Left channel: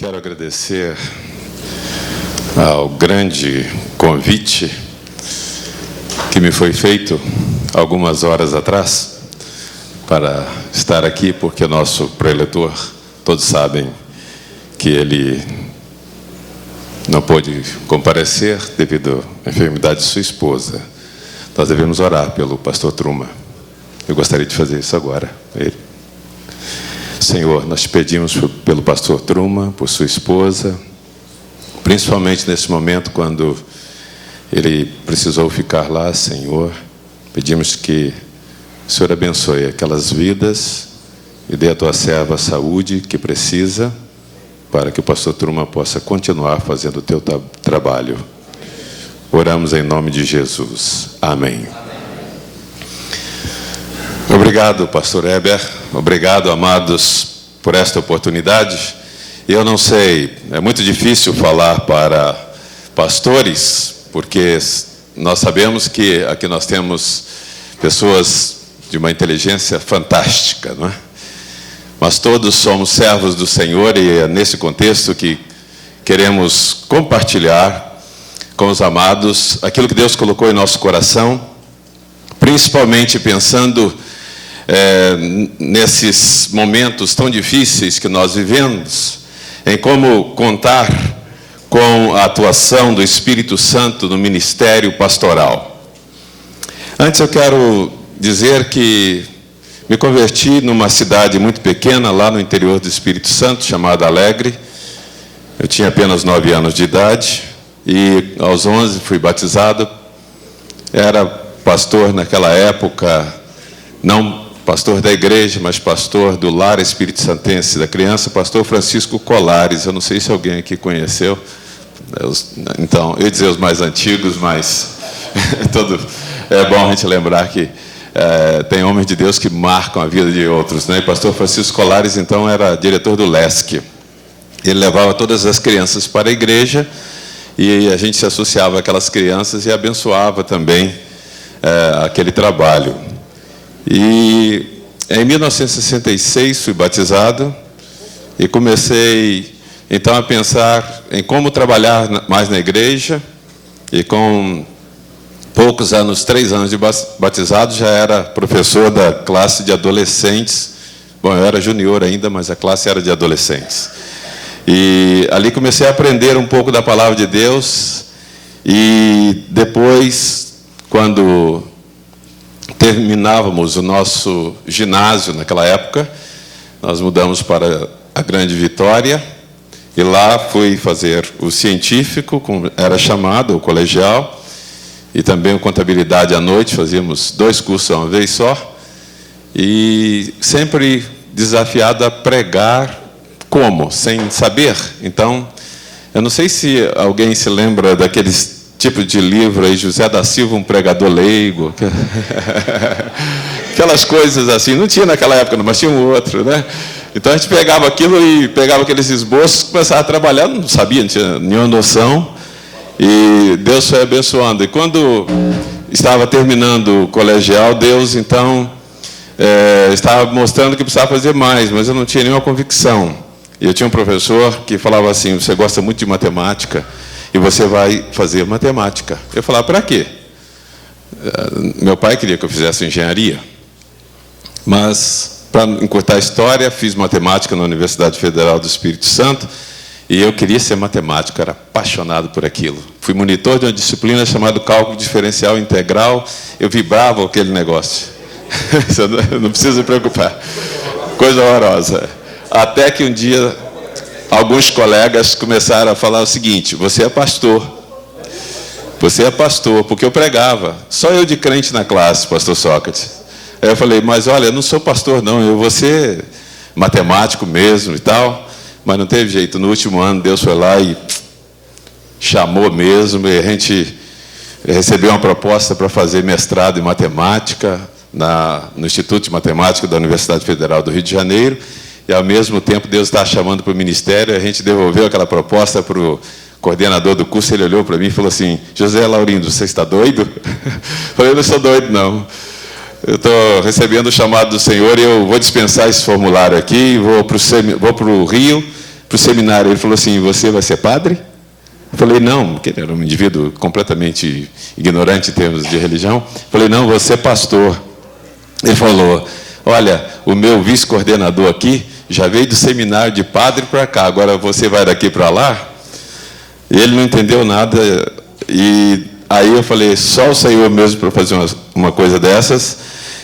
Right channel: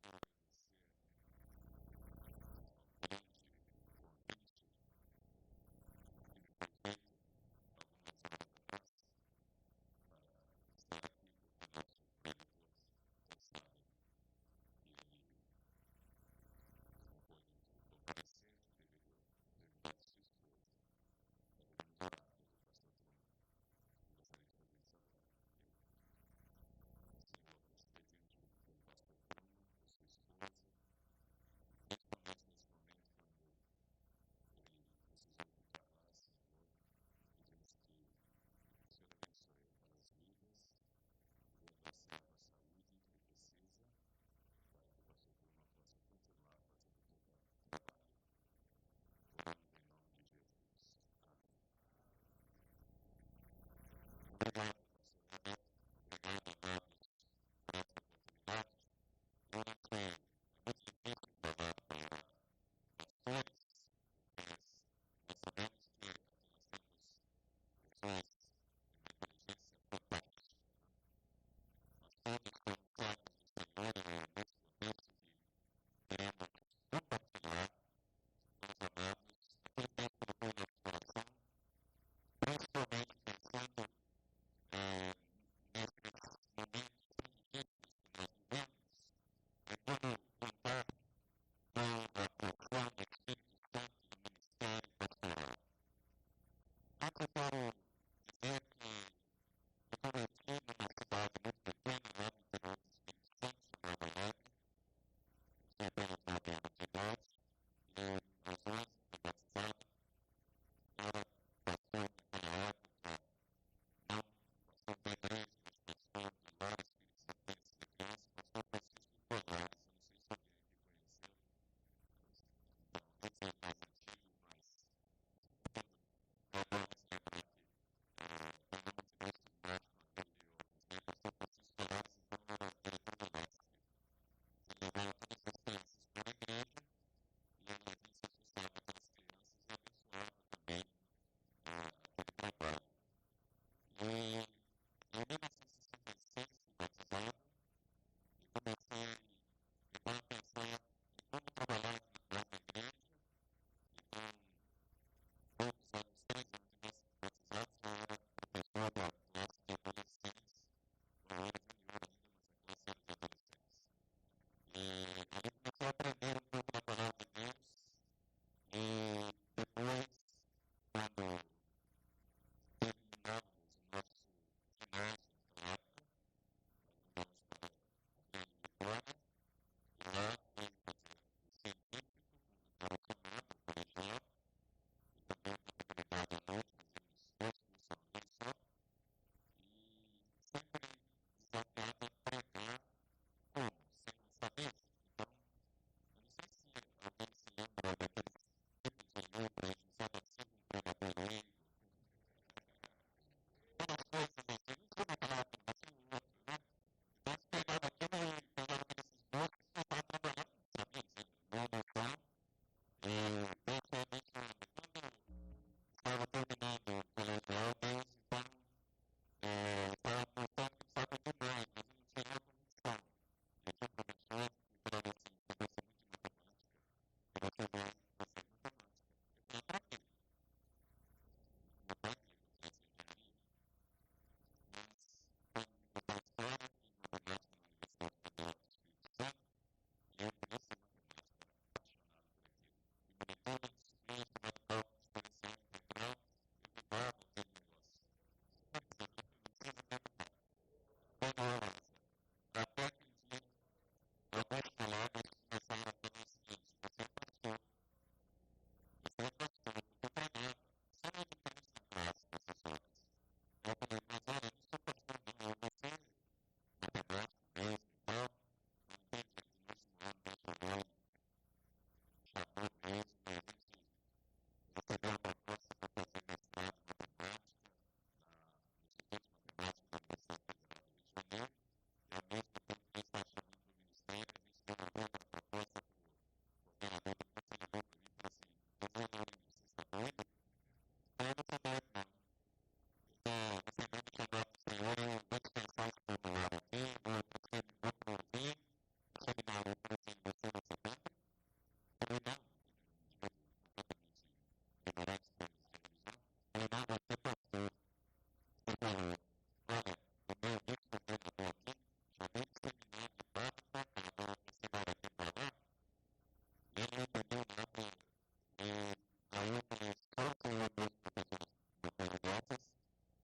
Quero agradecer ao grande convite que me foi feito algumas horas atrás para estar aqui, porque o nosso preletor, todos sabem que ele não pôde comparecer devido à enfermidade de sua esposa. Nós devemos orar pelo pastor Truma. Eu gostaria de fazer isso agora. Senhor, nós te pedimos pelo pastor Truma, por sua esposa, principalmente nesse momento quando ele precisou ficar lá, Senhor. Pedimos que o Senhor abençoe aquelas vidas e dê à tua serva a saúde que precisa para que o pastor Truma possa continuar fazendo o teu trabalho. Oramos em nome de Jesus. Amém. Obrigado, pastor Heber. Obrigado, amados, por esta oportunidade. Eu não sei, é muito difícil falar para pastores, porque nós sabemos que aqui nós temos pessoas de uma inteligência fantástica, não é? Mas todos somos servos do Senhor e é nesse contexto que queremos compartilhar com os amados aquilo que Deus colocou em nosso coração, principalmente pensando nesses momentos tão difíceis que nós vivemos, em como contar com a atuação do Espírito Santo no ministério pastoral. Antes eu quero dizer que me converti numa cidade muito pequena, lá no interior do Espírito Santo, chamada Alegre. Eu tinha apenas 9 anos de idade e aos 11 fui batizado. Era pastor naquela época, não pastor da igreja, mas pastor do Lar Espírito Santense da Criança, pastor Francisco Colares. Eu não sei se alguém aqui conheceu. Então, eu ia dizer os mais antigos, mas é bom a gente lembrar que tem homens de Deus que marcam a vida de outros, né? E pastor Francisco Colares, então, era diretor do LESC. Ele levava todas as crianças para a igreja e a gente se associava àquelas crianças e abençoava também aquele trabalho. E em 1966 fui batizado e comecei então a pensar em como trabalhar mais na igreja, e com poucos anos, 3 anos de batizado, já era professor da classe de adolescentes. Bom, eu era junior ainda, mas a classe era de adolescentes. E ali comecei a aprender um pouco da palavra de Deus, e depois, quando terminávamos o nosso ginásio naquela época, nós mudamos para a Grande Vitória, e lá fui fazer o científico, como era chamado, o colegial, e também o contabilidade à noite. Fazíamos 2 cursos uma vez só, e sempre desafiado a pregar como? Sem saber. Então, eu não sei se alguém se lembra daqueles tipo de livro aí, José da Silva, um pregador leigo, aquelas coisas assim. Não tinha naquela época, mas tinha um outro, né? Então a gente pegava aquilo e pegava aqueles esboços, começava a trabalhar, não sabia, não tinha nenhuma noção, e Deus foi abençoando. E quando estava terminando o colegial, Deus então estava mostrando que precisava fazer mais, mas eu não tinha nenhuma convicção. E eu tinha um professor que falava assim: você gosta muito de matemática e você vai fazer matemática. Eu falava: para quê? Meu pai queria que eu fizesse engenharia, mas, para encurtar a história, fiz matemática na Universidade Federal do Espírito Santo, e eu queria ser matemático, era apaixonado por aquilo. Fui monitor de uma disciplina chamada Cálculo Diferencial Integral, eu vibrava aquele negócio. Não precisa se preocupar. Coisa horrorosa. Até que um dia alguns colegas começaram a falar o seguinte: você é pastor. Você é pastor, porque eu pregava. Só eu de crente na classe, pastor Sócrates. Aí eu falei: mas olha, eu não sou pastor não, eu vou ser matemático mesmo e tal. Mas não teve jeito. No último ano, Deus foi lá e chamou mesmo, e a gente recebeu uma proposta para fazer mestrado em matemática no Instituto de Matemática da Universidade Federal do Rio de Janeiro. E, ao mesmo tempo, Deus está chamando para o ministério. A gente devolveu aquela proposta para o coordenador do curso. Ele olhou para mim e falou assim: José Laurindo, você está doido? Eu falei: eu não sou doido, não. Eu estou recebendo o chamado do Senhor e eu vou dispensar esse formulário aqui, vou para o Rio para o seminário. Ele falou assim: você vai ser padre? Eu falei: não, porque ele era um indivíduo completamente ignorante em termos de religião. Eu falei: não, você é pastor. Ele falou: olha, o meu vice-coordenador aqui já veio do seminário de padre para cá, agora você vai daqui para lá? Ele não entendeu nada, e aí eu falei: só o Senhor mesmo para fazer uma coisa dessas.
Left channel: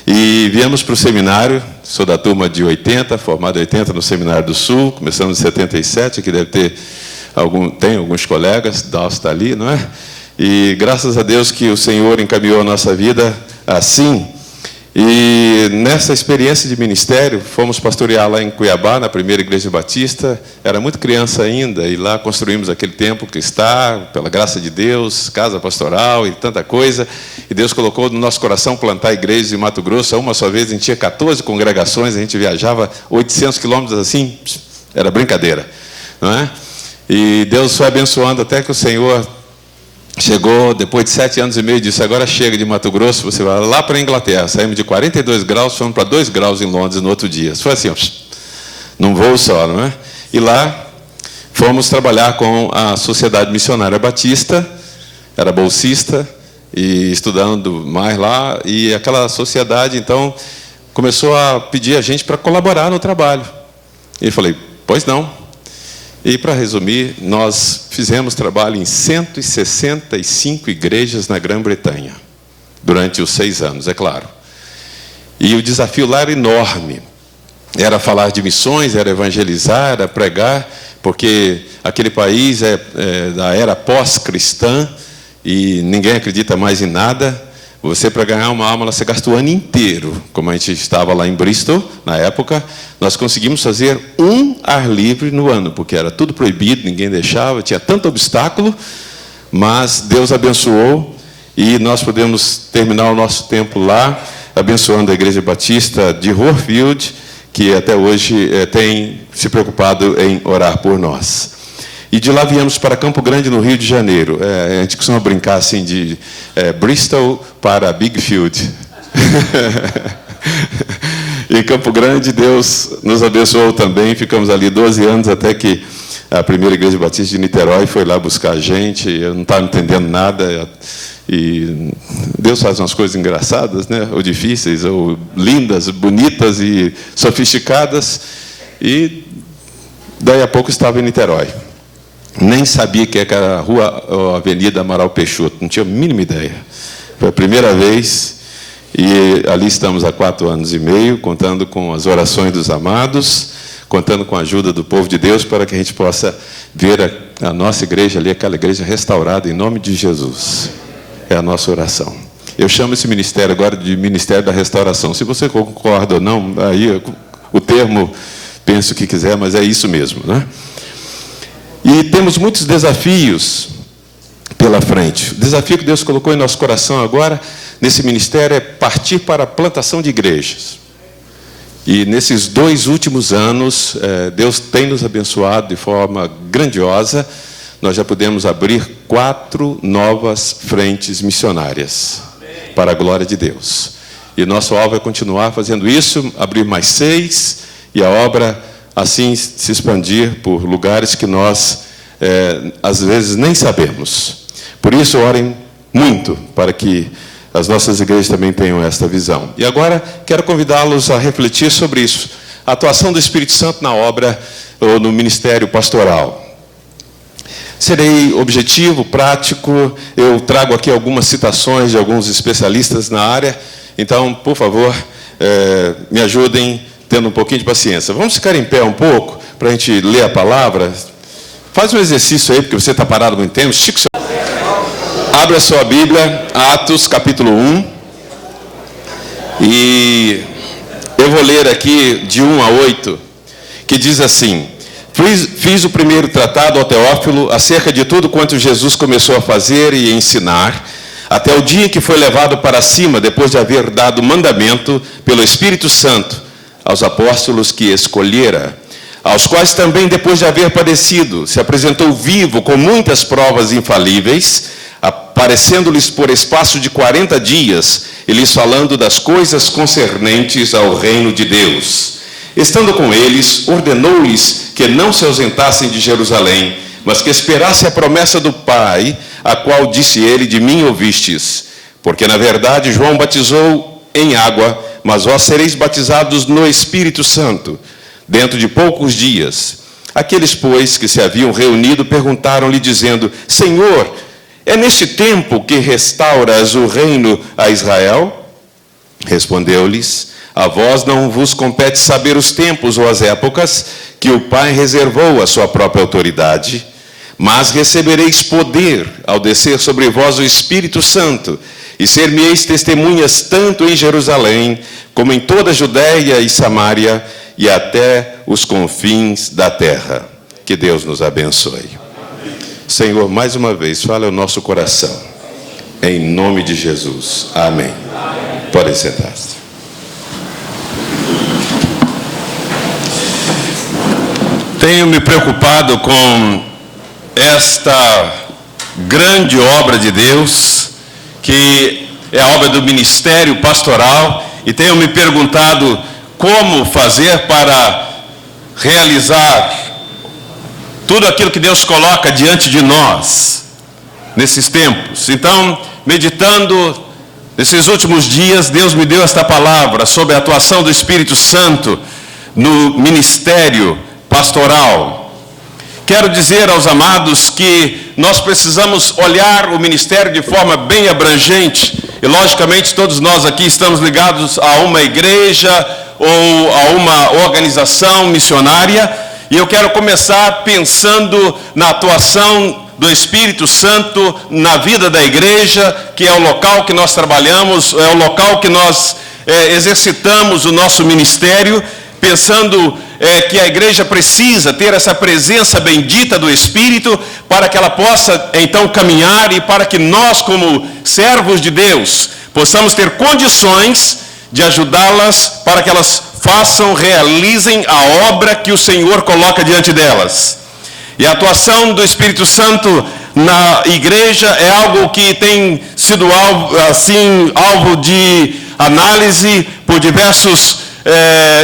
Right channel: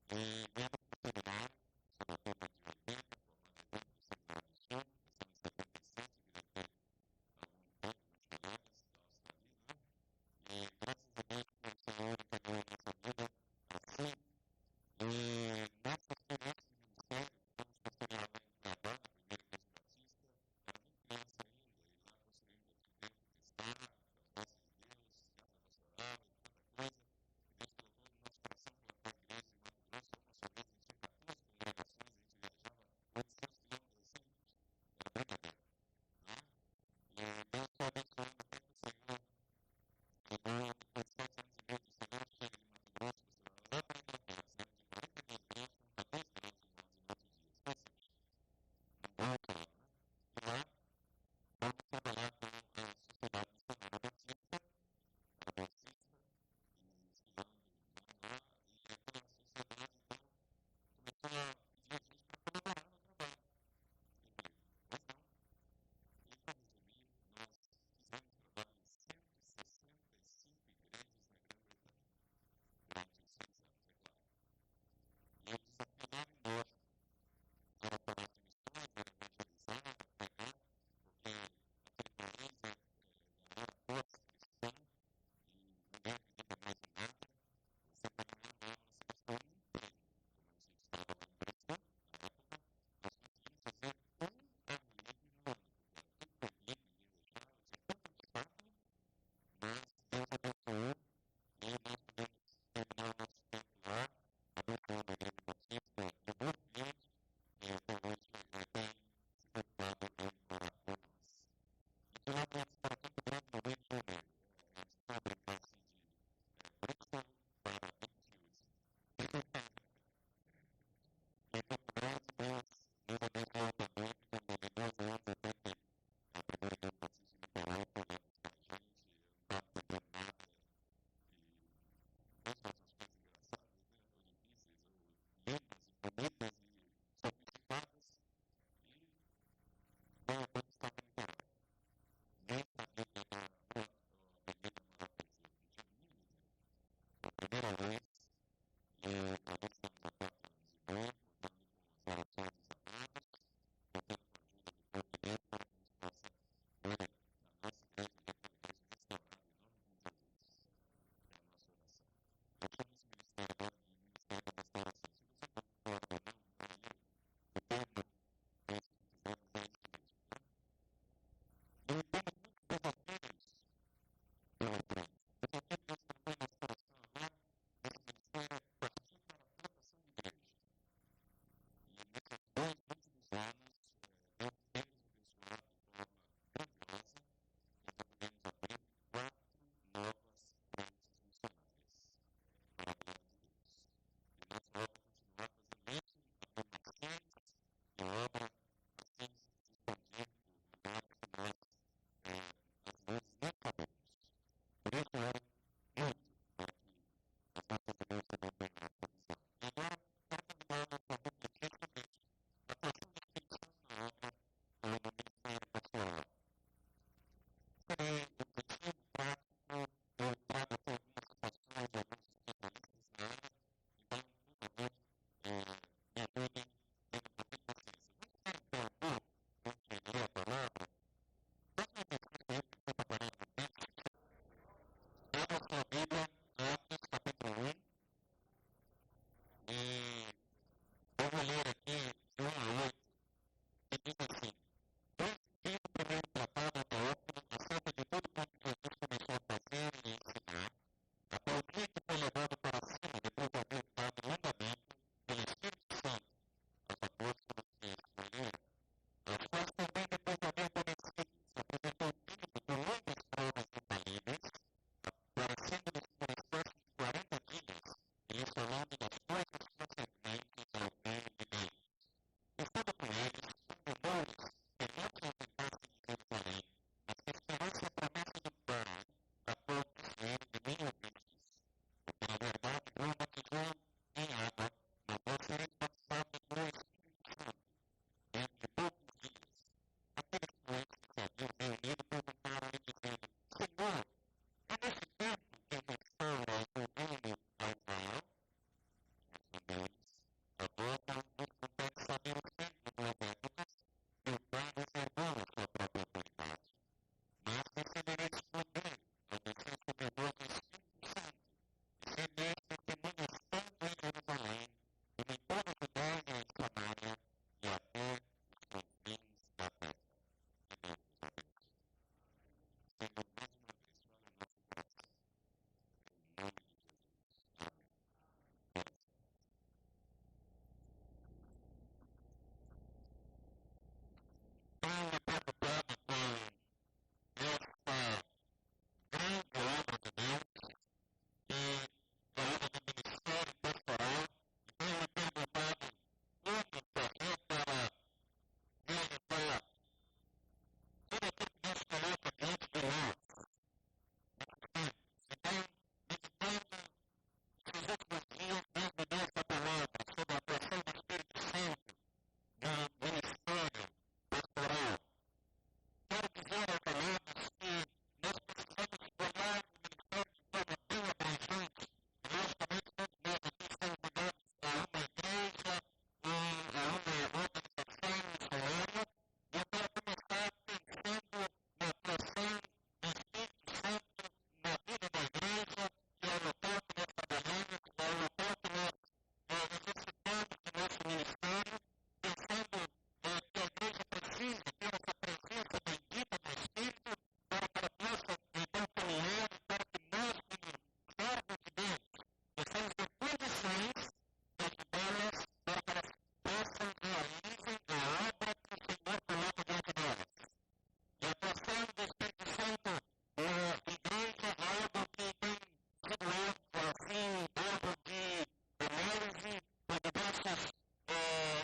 E viemos para o seminário. Sou da turma de 80, formado em 80 no Seminário do Sul, começamos em 77, que deve ter tem alguns colegas, Dalcio está ali, não é? E graças a Deus que o Senhor encaminhou a nossa vida assim. E nessa experiência de ministério, fomos pastorear lá em Cuiabá, na primeira igreja batista. Era muito criança ainda, e lá construímos aquele templo que está, pela graça de Deus, casa pastoral e tanta coisa. E Deus colocou no nosso coração plantar igrejas em Mato Grosso. Uma só vez a gente tinha 14 congregações, a gente viajava 800 quilômetros assim, era brincadeira, não é? E Deus foi abençoando até que o Senhor chegou, depois de 7 anos e meio, disse: agora chega de Mato Grosso, você vai lá para a Inglaterra. Saímos de 42 graus, fomos para 2 graus em Londres no outro dia. Foi assim, num voo só, não é? E lá fomos trabalhar com a Sociedade Missionária Batista, era bolsista, e estudando mais lá, e aquela sociedade, então, começou a pedir a gente para colaborar no trabalho. E eu falei: pois não. E, para resumir, nós fizemos trabalho em 165 igrejas na Grã-Bretanha, durante os 6 anos, é claro. E o desafio lá era enorme. Era falar de missões, era evangelizar, era pregar, porque aquele país é da era pós-cristã, e ninguém acredita mais em nada. Você, para ganhar uma alma, você gasta o ano inteiro. Como a gente estava lá em Bristol, na época, nós conseguimos fazer um ar livre no ano, porque era tudo proibido, ninguém deixava, tinha tanto obstáculo, mas Deus abençoou, e nós podemos terminar o nosso tempo lá, abençoando a Igreja Batista de Horfield, que até hoje tem se preocupado em orar por nós. E de lá viemos para Campo Grande, no Rio de Janeiro. A gente costuma brincar assim de Bristol para Bigfield. Em Campo Grande, Deus nos abençoou também. Ficamos ali 12 anos, até que a primeira igreja batista de Niterói foi lá buscar a gente. Eu não estava entendendo nada. E Deus faz umas coisas engraçadas, né? Ou difíceis, ou lindas, bonitas e sofisticadas. E daí a pouco estava em Niterói. Nem sabia que era a rua ou a Avenida Amaral Peixoto, não tinha a mínima ideia. Foi a primeira vez, e ali estamos há 4 anos e meio, contando com as orações dos amados, contando com a ajuda do povo de Deus, para que a gente possa ver a nossa igreja ali, aquela igreja restaurada, em nome de Jesus. É a nossa oração. Eu chamo esse ministério agora de Ministério da Restauração. Se você concorda ou não, aí o termo, pense o que quiser, mas é isso mesmo, né? E temos muitos desafios pela frente. O desafio que Deus colocou em nosso coração agora, nesse ministério, é partir para a plantação de igrejas. E nesses 2 últimos anos, Deus tem nos abençoado de forma grandiosa. Nós já podemos abrir 4 novas frentes missionárias, para a glória de Deus. E o nosso alvo é continuar fazendo isso, abrir mais 6, e a obra assim se expandir por lugares que nós, às vezes, nem sabemos. Por isso, orem muito para que as nossas igrejas também tenham esta visão. E agora, quero convidá-los a refletir sobre isso. A atuação do Espírito Santo na obra ou no ministério pastoral. Serei objetivo, prático. Eu trago aqui algumas citações de alguns especialistas na área. Então, por favor, me ajudem, tendo um pouquinho de paciência. Vamos ficar em pé um pouco, para a gente ler a palavra. Faz um exercício aí, porque você está parado muito tempo. Estica o seu... Abre a sua Bíblia, Atos, capítulo 1. E eu vou ler aqui de 1 a 8, que diz assim: fiz o primeiro tratado ao Teófilo acerca de tudo quanto Jesus começou a fazer e ensinar, até o dia em que foi levado para cima, depois de haver dado mandamento pelo Espírito Santo aos apóstolos que escolhera, aos quais também, depois de haver padecido, se apresentou vivo com muitas provas infalíveis, aparecendo-lhes por espaço de 40 dias, e lhes falando das coisas concernentes ao reino de Deus. Estando com eles, ordenou-lhes que não se ausentassem de Jerusalém, mas que esperassem a promessa do Pai, a qual disse ele: de mim ouvistes. Porque, na verdade, João batizou em água, mas vós sereis batizados no Espírito Santo, dentro de poucos dias. Aqueles, pois, que se haviam reunido, perguntaram-lhe, dizendo: Senhor, é neste tempo que restauras o reino a Israel? Respondeu-lhes: a vós não vos compete saber os tempos ou as épocas que o Pai reservou à sua própria autoridade, mas recebereis poder ao descer sobre vós o Espírito Santo, e ser-me-eis testemunhas tanto em Jerusalém, como em toda a Judéia e Samária, e até os confins da terra. Que Deus nos abençoe. Amém. Senhor, mais uma vez, fala ao nosso coração. Em nome de Jesus. Amém. Amém. Podem sentar-se. Tenho me preocupado com esta grande obra de Deus, que é a obra do ministério pastoral, e tenho me perguntado como fazer para realizar tudo aquilo que Deus coloca diante de nós nesses tempos. Então, meditando nesses últimos dias, Deus me deu esta palavra sobre a atuação do Espírito Santo no ministério pastoral. Quero dizer aos amados que nós precisamos olhar o ministério de forma bem abrangente, e logicamente todos nós aqui estamos ligados a uma igreja ou a uma organização missionária, e eu quero começar pensando na atuação do Espírito Santo na vida da igreja, que é o local que nós trabalhamos, é o local que nós exercitamos o nosso ministério, pensando que a igreja precisa ter essa presença bendita do Espírito para que ela possa então caminhar, e para que nós, como servos de Deus, possamos ter condições de ajudá-las para que elas realizem a obra que o Senhor coloca diante delas. E a atuação do Espírito Santo na igreja é algo que tem sido alvo de análise por diversos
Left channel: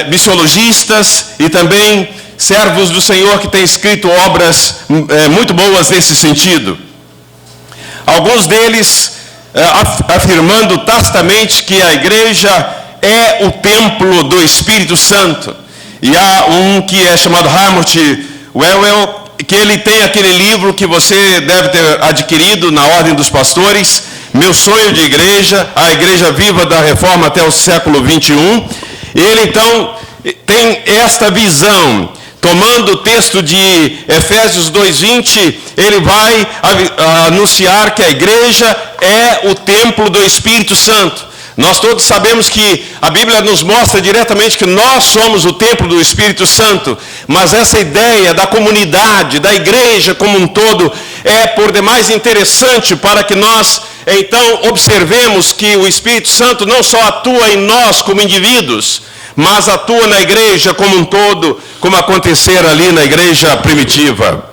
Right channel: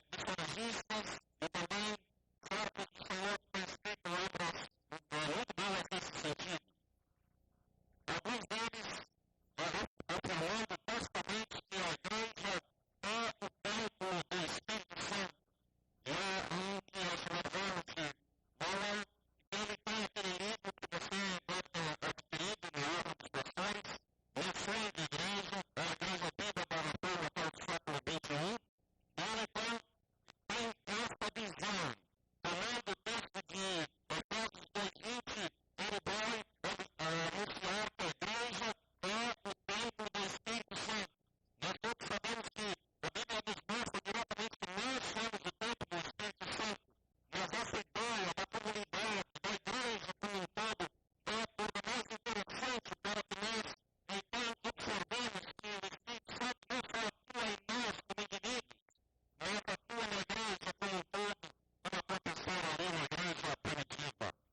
missiologistas e também servos do Senhor que têm escrito obras muito boas nesse sentido. Alguns deles afirmando tacitamente que a igreja é o templo do Espírito Santo. E há um que é chamado Harmut Wellwell, que ele tem aquele livro que você deve ter adquirido na Ordem dos Pastores, Meu Sonho de Igreja, a Igreja Viva da Reforma até o século 21. Ele então tem esta visão, tomando o texto de Efésios 2:20, ele vai anunciar que a igreja é o templo do Espírito Santo. Nós todos sabemos que a Bíblia nos mostra diretamente que nós somos o templo do Espírito Santo, mas essa ideia da comunidade, da igreja como um todo, é por demais interessante para que nós então observemos que o Espírito Santo não só atua em nós como indivíduos, mas atua na igreja como um todo, como acontecer ali na igreja primitiva.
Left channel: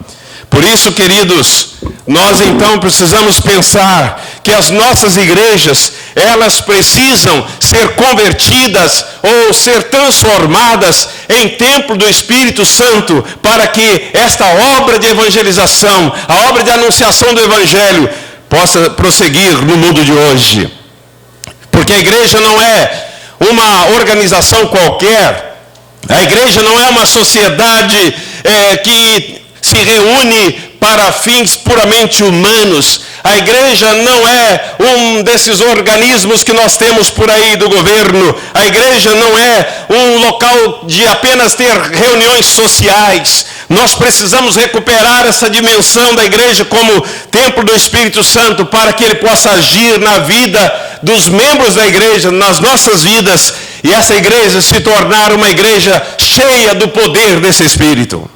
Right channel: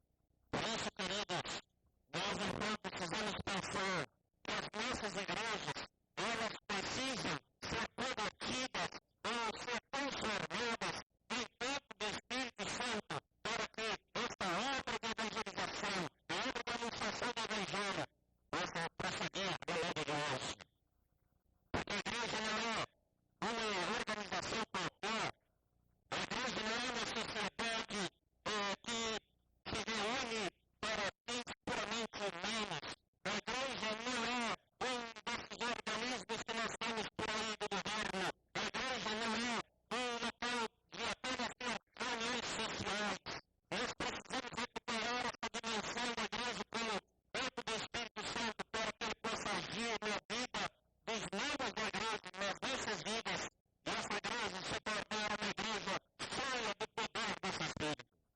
Por isso, queridos, nós então precisamos pensar que as nossas igrejas, elas precisam ser convertidas ou ser transformadas em templo do Espírito Santo, para que esta obra de evangelização, a obra de anunciação do Evangelho, possa prosseguir no mundo de hoje. Porque a igreja não é uma organização qualquer, a igreja não é uma sociedade que se reúne para fins puramente humanos. A igreja não é um desses organismos que nós temos por aí do governo. A igreja não é um local de apenas ter reuniões sociais. Nós precisamos recuperar essa dimensão da igreja como templo do Espírito Santo, para que ele possa agir na vida dos membros da igreja, nas nossas vidas, e essa igreja se tornar uma igreja cheia do poder desse Espírito.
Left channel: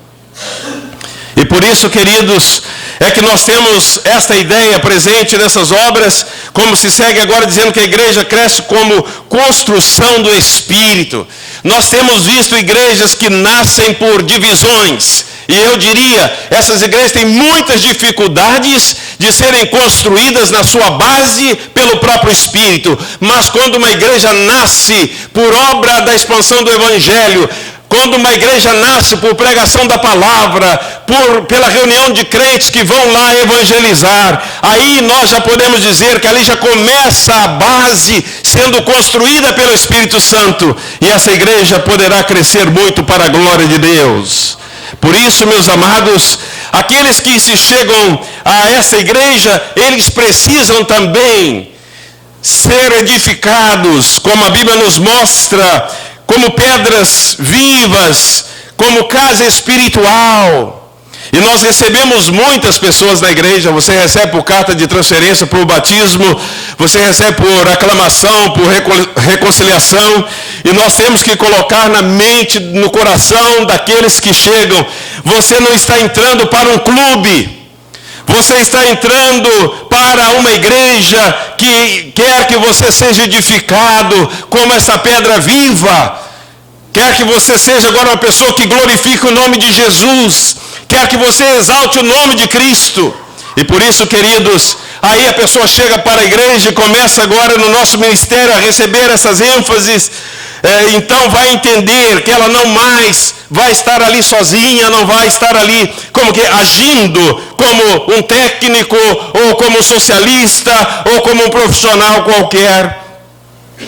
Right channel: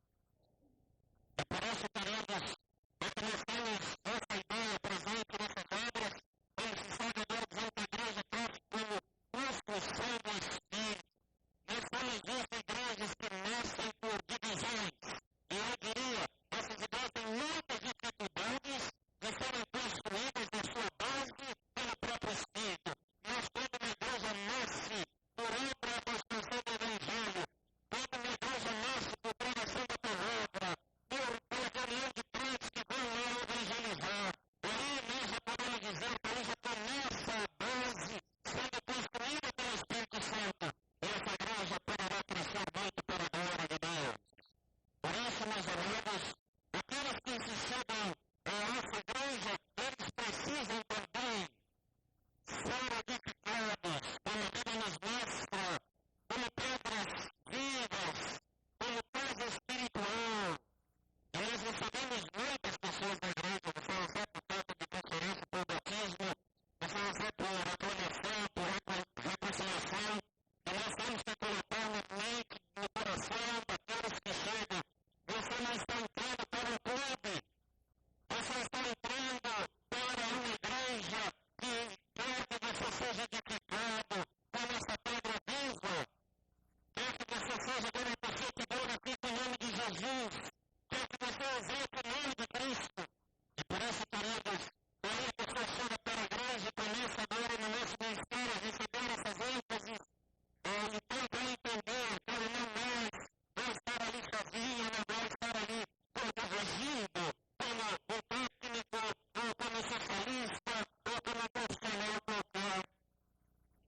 E por isso, queridos, é que nós temos esta ideia presente nessas obras, como se segue agora dizendo que a igreja cresce como construção do Espírito. Nós temos visto igrejas que nascem por divisões, e eu diria, essas igrejas têm muitas dificuldades de serem construídas na sua base pelo próprio Espírito, mas quando uma igreja nasce por obra da expansão do Evangelho, Quando uma igreja nasce por pregação da palavra, pela reunião de crentes que vão lá evangelizar, aí nós já podemos dizer que ali já começa a base sendo construída pelo Espírito Santo. E essa igreja poderá crescer muito para a glória de Deus. Por isso, meus amados, aqueles que se chegam a essa igreja, eles precisam também ser edificados, como a Bíblia nos mostra, como pedras vivas, como casa espiritual. E nós recebemos muitas pessoas na igreja. Você recebe por carta de transferência, por batismo, você recebe por aclamação, por reconciliação. E nós temos que colocar na mente, no coração daqueles que chegam: você não está entrando para um clube. Você está entrando para uma igreja que quer que você seja edificado como essa pedra viva. Quer que você seja agora uma pessoa que glorifique o nome de Jesus. Quer que você exalte o nome de Cristo. E por isso, queridos, aí a pessoa chega para a igreja e começa agora no nosso ministério a receber essas ênfases. Então vai entender que ela não mais vai estar ali sozinha, não vai estar ali como que agindo como um técnico, ou como um socialista, ou como um profissional qualquer.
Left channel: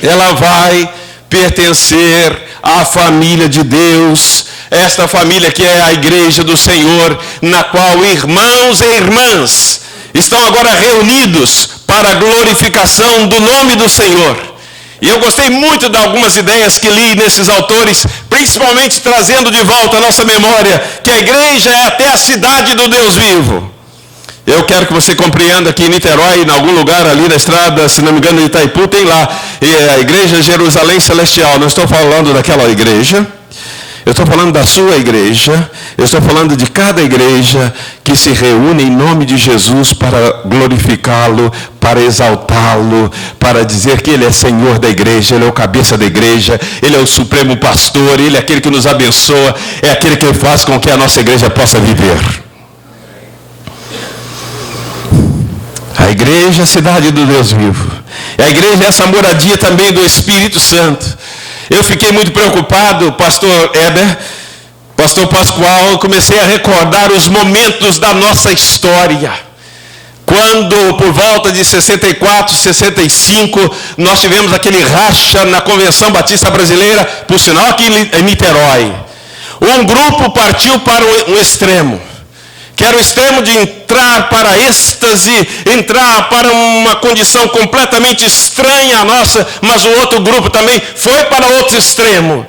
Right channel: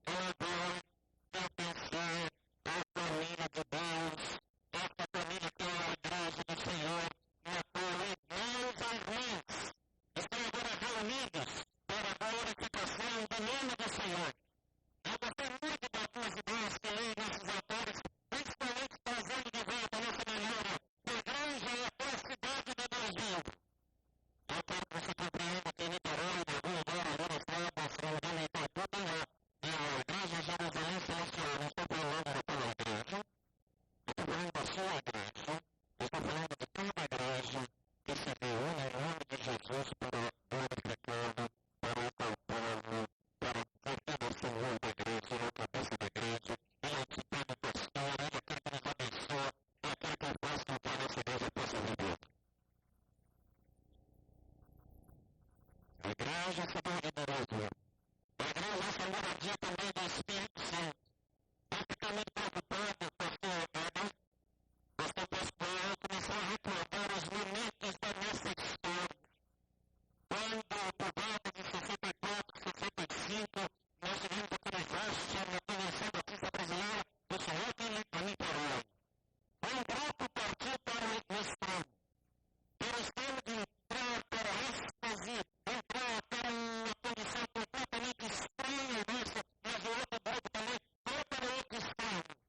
Ela vai pertencer à família de Deus, esta família que é a igreja do Senhor, na qual irmãos e irmãs estão agora reunidos para a glorificação do nome do Senhor. E eu gostei muito de algumas ideias que li nesses autores, principalmente trazendo de volta à nossa memória que a igreja é até a cidade do Deus vivo. Eu quero que você compreenda que em Niterói, em algum lugar ali na estrada, se não me engano, de Itaipu, tem lá a igreja Jerusalém Celestial. Não estou falando daquela igreja. Eu estou falando da sua igreja, eu estou falando de cada igreja que se reúne em nome de Jesus para glorificá-lo, para exaltá-lo, para dizer que Ele é Senhor da igreja, Ele é o cabeça da igreja, Ele é o supremo pastor, Ele é aquele que nos abençoa, é aquele que faz com que a nossa igreja possa viver. A igreja é a cidade do Deus vivo. E a igreja é essa moradia também do Espírito Santo. Eu fiquei muito preocupado, pastor Heber, pastor Pascoal, comecei a recordar os momentos da nossa história. Quando, por volta de 64, 65, nós tivemos aquele racha na Convenção Batista Brasileira, por sinal aqui em Niterói. Um grupo partiu para um extremo, que era o extremo de entrar para a êxtase, entrar para uma condição completamente estranha à nossa, mas o outro grupo também foi para outro extremo.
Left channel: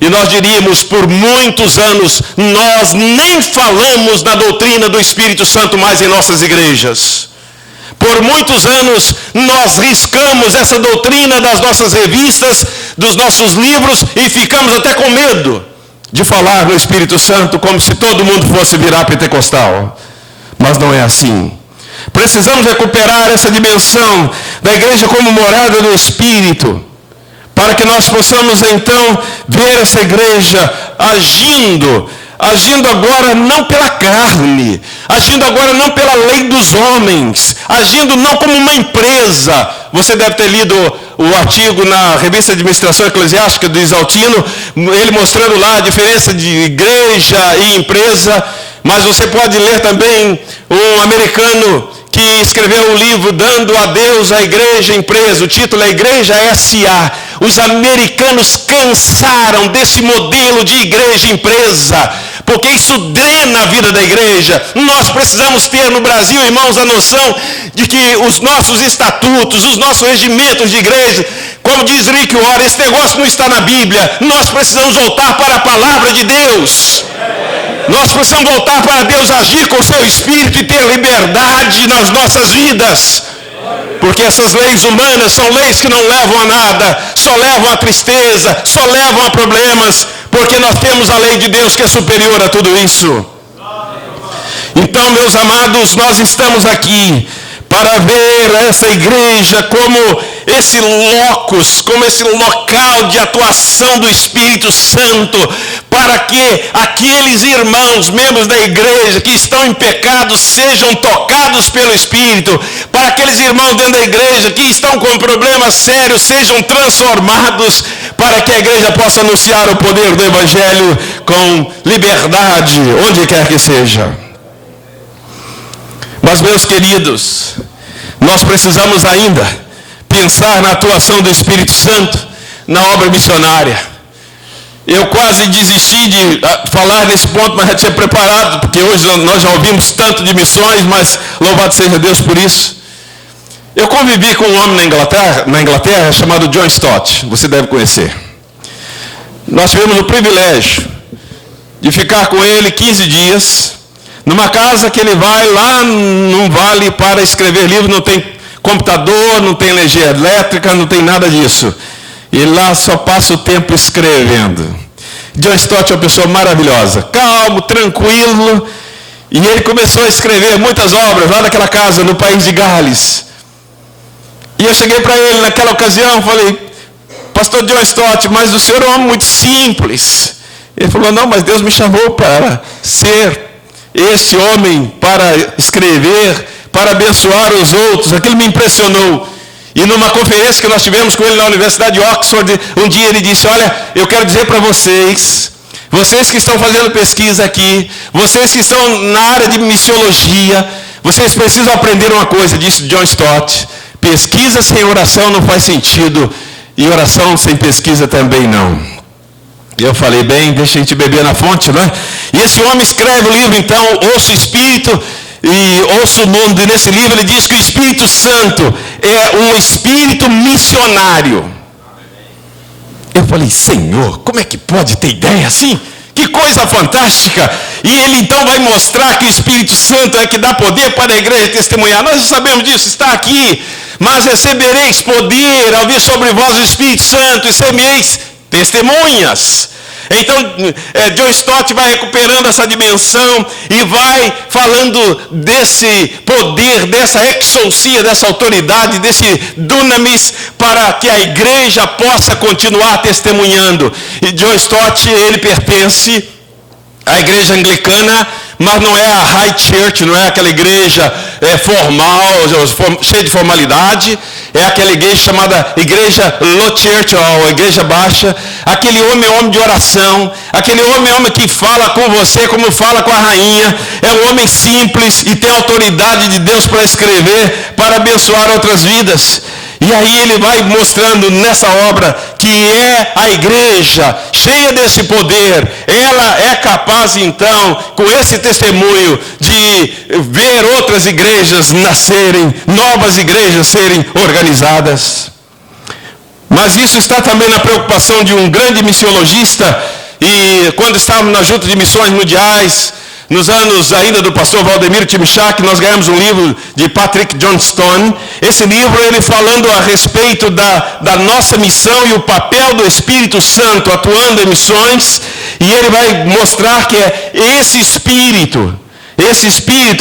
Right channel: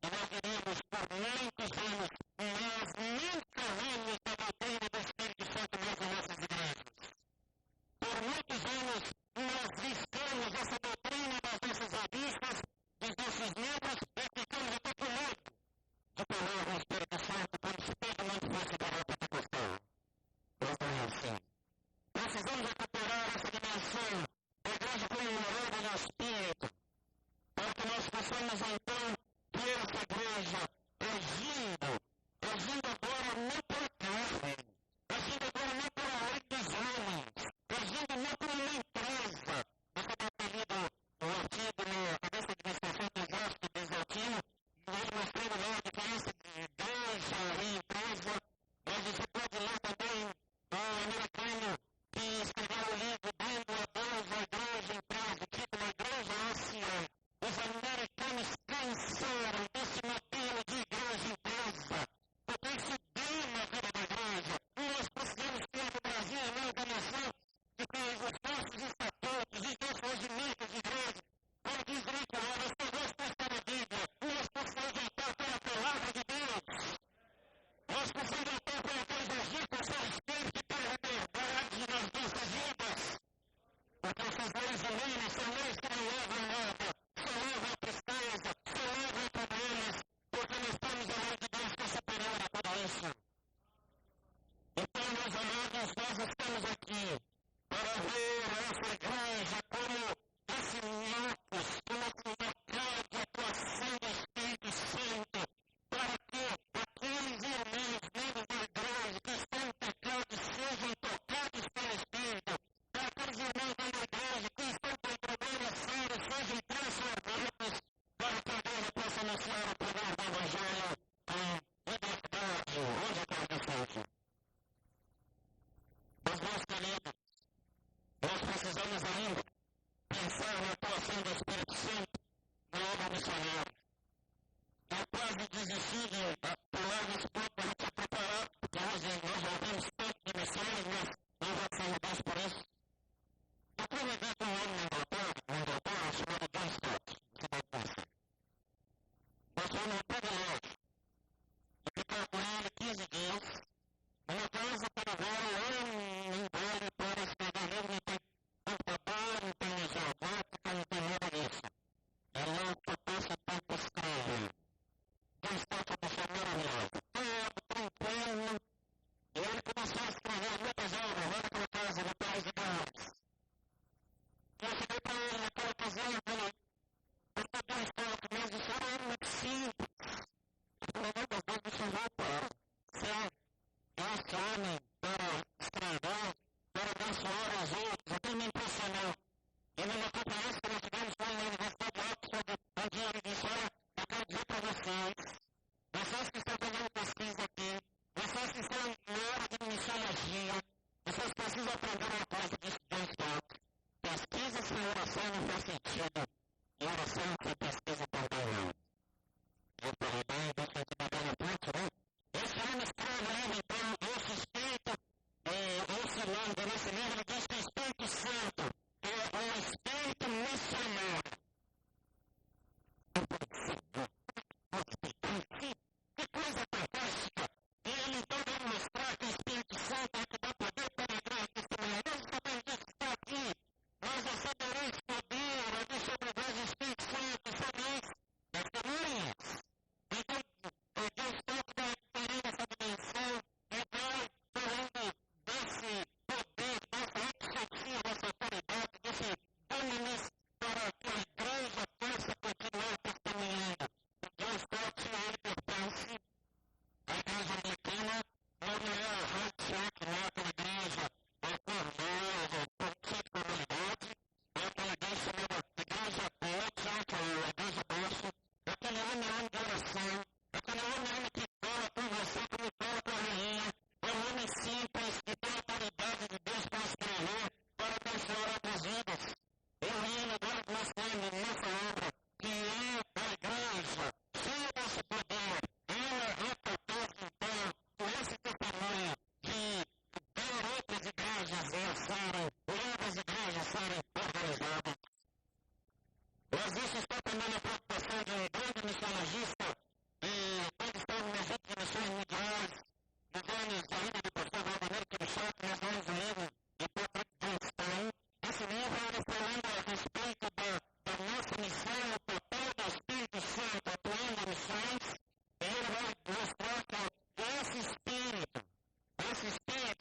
E nós diríamos, por muitos anos, nós nem falamos da doutrina do Espírito Santo mais em nossas igrejas. Por muitos anos, nós riscamos essa doutrina das nossas revistas, dos nossos livros, e ficamos até com medo de falar no Espírito Santo como se todo mundo fosse virar pentecostal. Mas não é assim. Precisamos recuperar essa dimensão da igreja como morada do Espírito, para que nós possamos então ver essa igreja agindo agora não pela carne, agindo agora não pela lei dos homens, agindo não como uma empresa. Você deve ter lido o artigo na revista de Administração Eclesiástica do Isaltino, ele mostrando lá a diferença de igreja e empresa. Mas você pode ler também um americano que escreveu um livro dando a Deus a igreja empresa. O título é Igreja S.A. Os americanos cansaram desse modelo de igreja empresa, porque isso drena a vida da igreja. Nós precisamos ter no Brasil, irmãos, a noção de que os nossos estatutos, os nossos regimentos de igreja, como diz Rick Warren, esse negócio não está na Bíblia. Nós precisamos voltar para a palavra de Deus. Nós precisamos voltar para Deus agir com o seu Espírito e ter liberdade nas nossas vidas. Porque essas leis humanas são leis que não levam a nada, só levam a tristeza, só levam a problemas, porque nós temos a lei de Deus que é superior a tudo isso. Então, meus amados, nós estamos aqui para ver essa igreja como esse locus, como esse local de atuação do Espírito Santo, para que aqueles irmãos, membros da igreja que estão em pecado, sejam tocados pelo Espírito, para aqueles irmãos dentro da igreja que estão com problemas sérios, sejam transformados, para que a igreja possa anunciar o poder do Evangelho com liberdade, onde quer que seja. Mas, meus queridos, nós precisamos ainda pensar na atuação do Espírito Santo na obra missionária. Eu quase desisti de falar nesse ponto, mas já tinha preparado, porque hoje nós já ouvimos tanto de missões, mas louvado seja Deus por isso. Eu convivi com um homem na Inglaterra chamado John Stott, você deve conhecer. Nós tivemos o privilégio de ficar com ele 15 dias, numa casa que ele vai lá num vale para escrever livros, não tem computador, não tem energia elétrica, não tem nada disso. E lá só passa o tempo escrevendo. John Stott é uma pessoa maravilhosa, calmo, tranquilo, e ele começou a escrever muitas obras lá naquela casa, no país de Gales. E eu cheguei para ele naquela ocasião, falei, pastor John Stott, mas o senhor é um homem muito simples. Ele falou, não, mas Deus me chamou para ser esse homem, para escrever, para abençoar os outros. Aquilo me impressionou. E numa conferência que nós tivemos com ele na Universidade de Oxford, um dia ele disse, olha, eu quero dizer para vocês que estão fazendo pesquisa aqui, vocês que estão na área de missiologia, vocês precisam aprender uma coisa, disse John Stott, pesquisa sem oração não faz sentido, e oração sem pesquisa também não. E eu falei, bem, deixa a gente beber na fonte, não é? E esse homem escreve o livro, então, Ouça o Espírito e Ouça o Mundo. E nesse livro ele diz que o Espírito Santo é um espírito missionário. Eu falei, Senhor, como é que pode ter ideia assim? Que coisa fantástica! E ele então vai mostrar que o Espírito Santo é que dá poder para a igreja testemunhar. Nós já sabemos disso, está aqui. Mas recebereis poder ao vir sobre vós o Espírito Santo e semeis testemunhas. Então, John Stott vai recuperando essa dimensão e vai falando desse poder, dessa exousia, dessa autoridade, desse dunamis, para que a igreja possa continuar testemunhando. E John Stott, ele pertence à igreja anglicana, mas não é a high church, não é aquela igreja formal, cheia de formalidade. É aquela igreja chamada igreja low church, ou igreja baixa. Aquele homem é homem de oração. Aquele homem é homem que fala com você como fala com a rainha. É um homem simples e tem autoridade de Deus para escrever, para abençoar outras vidas. E aí ele vai mostrando nessa obra que é a igreja cheia desse poder. Ela é capaz então, com esse testemunho, de ver outras igrejas nascerem, novas igrejas serem organizadas. Mas isso está também na preocupação de um grande missiologista. E quando estávamos na Junta de Missões Mundiais, nos anos ainda do pastor Valdemiro Timichak, nós ganhamos um livro de Patrick Johnstone. Esse livro, ele falando a respeito da nossa missão e o papel do Espírito Santo atuando em missões. E ele vai mostrar que é esse Espírito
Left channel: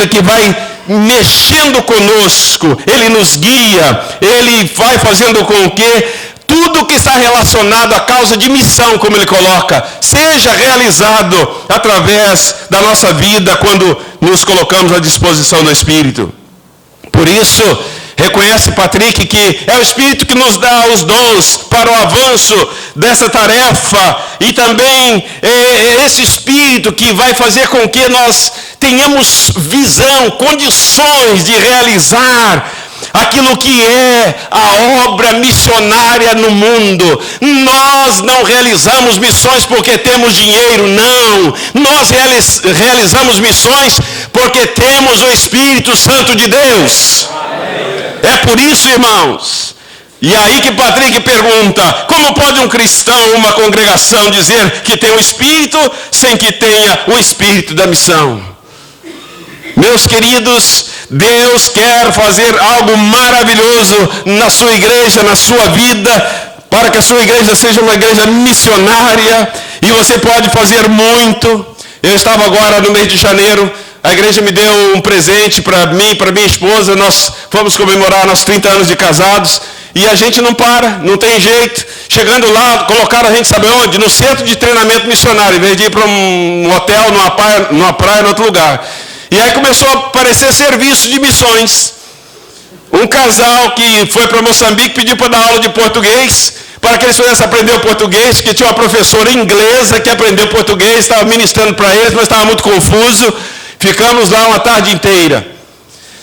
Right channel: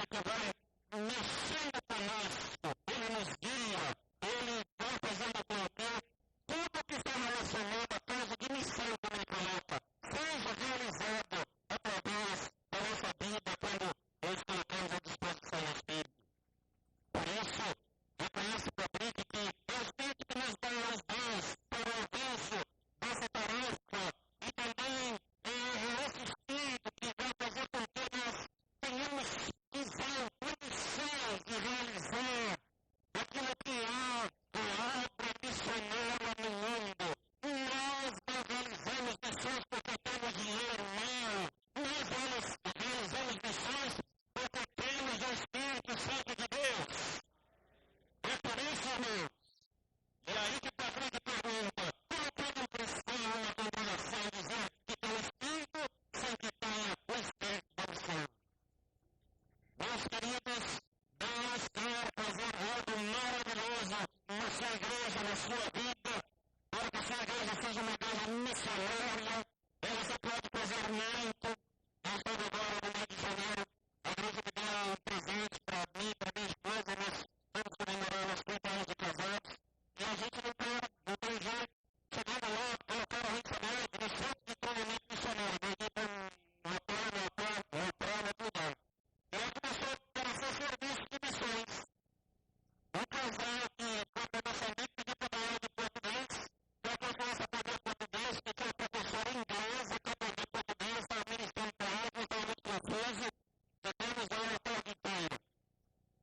que vai mexendo conosco, ele nos guia, ele vai fazendo com que tudo que está relacionado à causa de missão, como ele coloca, seja realizado através da nossa vida quando nos colocamos à disposição do Espírito. Por isso, reconhece Patrick que é o Espírito que nos dá os dons para o avanço dessa tarefa, e também é esse Espírito que vai fazer com que nós tenhamos visão, condições de realizar aquilo que é a obra missionária no mundo. Nós não realizamos missões porque temos dinheiro, não. Nós realizamos missões porque temos o Espírito Santo de Deus. É por isso, irmãos. E aí que Patrick pergunta, como pode um cristão, uma congregação dizer que tem o Espírito sem que tenha o Espírito da missão? Meus queridos, Deus quer fazer algo maravilhoso na sua igreja, na sua vida, para que a sua igreja seja uma igreja missionária, e você pode fazer muito. Eu estava agora no mês de janeiro, a igreja me deu um presente para mim, para minha esposa, nós fomos comemorar nossos 30 anos de casados, e a gente não para, não tem jeito. Chegando lá, colocaram a gente, sabe onde? No centro de treinamento missionário, em vez de ir para um hotel, numa praia, em outro lugar. E aí começou a aparecer serviço de missões. Um casal que foi para Moçambique pediu para dar aula de português. para que eles pudessem aprender o português, que tinha uma professora inglesa que aprendeu português, estava ministrando para eles, mas estava muito confuso. Ficamos lá uma tarde inteira.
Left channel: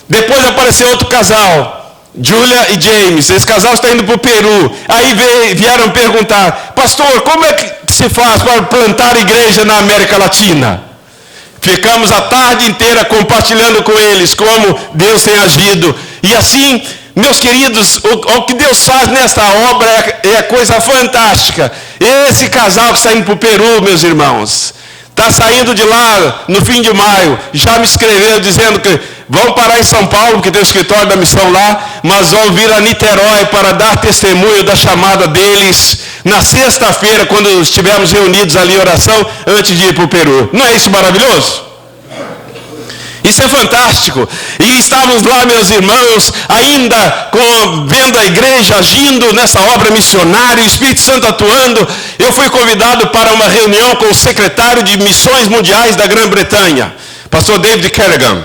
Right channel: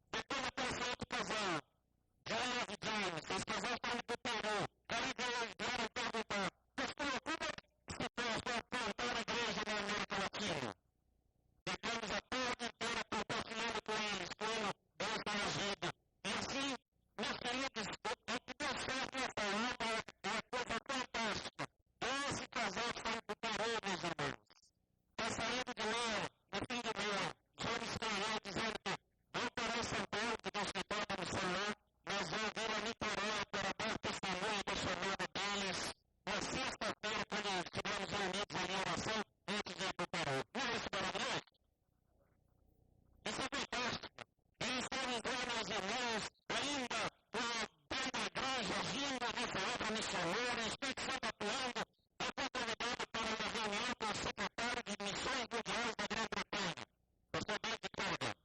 Depois apareceu outro casal, Julia e James. Esse casal está indo para o Peru. Aí vieram perguntar: pastor, como é que se faz para plantar igreja na América Latina? Ficamos a tarde inteira compartilhando com eles como Deus tem agido. E assim, meus queridos, o que Deus faz nesta obra é coisa fantástica. Esse casal que está indo para o Peru, meus irmãos, está saindo de lá no fim de maio, já me escreveu dizendo que vão parar em São Paulo, porque tem o escritório da missão lá, mas vão vir a Niterói para dar testemunho da chamada deles na sexta-feira, quando estivermos reunidos ali em oração, antes de ir para o Peru. Não é isso maravilhoso? Isso é fantástico. E estávamos lá, meus irmãos, ainda vendo a igreja agindo nessa obra missionária, o Espírito Santo atuando. Eu fui convidado para uma reunião com o secretário de Missões Mundiais da Grã-Bretanha, pastor David Kerrigan.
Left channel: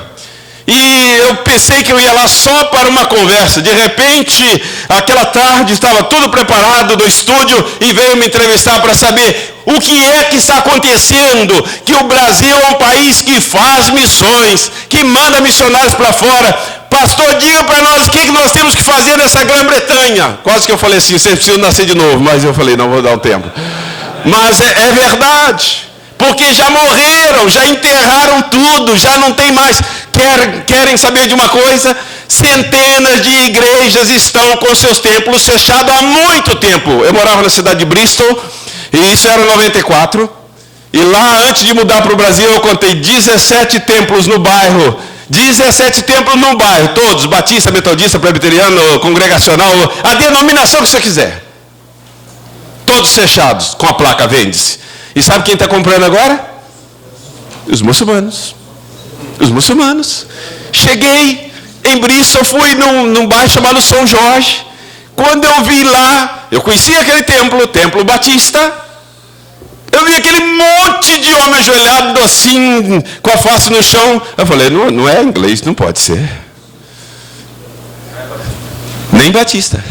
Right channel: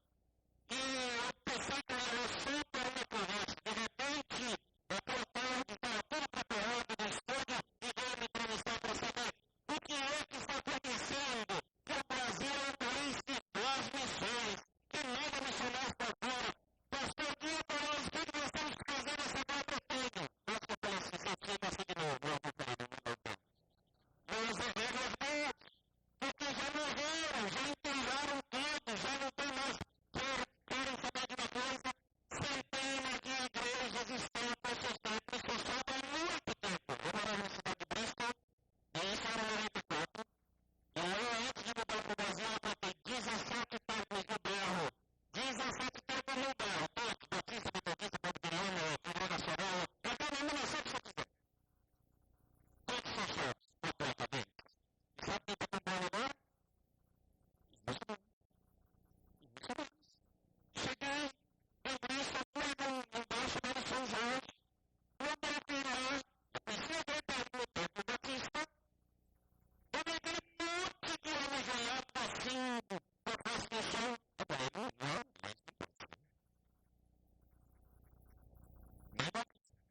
E eu pensei que eu ia lá só para uma conversa. De repente, aquela tarde, estava tudo preparado no estúdio e veio me entrevistar para saber o que é que está acontecendo. Que o Brasil é um país que faz missões, que manda missionários para fora. Pastor, diga para nós o que nós temos que fazer nessa Grã-Bretanha. Quase que eu falei assim, vocês precisam nascer de novo. Mas eu falei, não, vou dar um tempo. Mas é verdade. Porque já morreram, já enterraram tudo, já não tem mais. Querem saber de uma coisa? Centenas de igrejas estão com seus templos fechados há muito tempo. Eu morava na cidade de Bristol, e isso era em 94. E lá, antes de mudar para o Brasil, eu contei 17 templos no bairro. 17 templos no bairro, todos, batista, metodista, presbiteriano, congregacional, a denominação que você quiser. Todos fechados, com a placa vende-se. E sabe quem está comprando agora? Os muçulmanos. Os muçulmanos. Cheguei em Bristol, fui num bairro chamado São Jorge. Quando eu vi lá, eu conhecia aquele templo, o Templo Batista. Eu vi aquele monte de homem ajoelhado assim, com a face no chão. Eu falei, não é inglês, não pode ser. Nem Batista.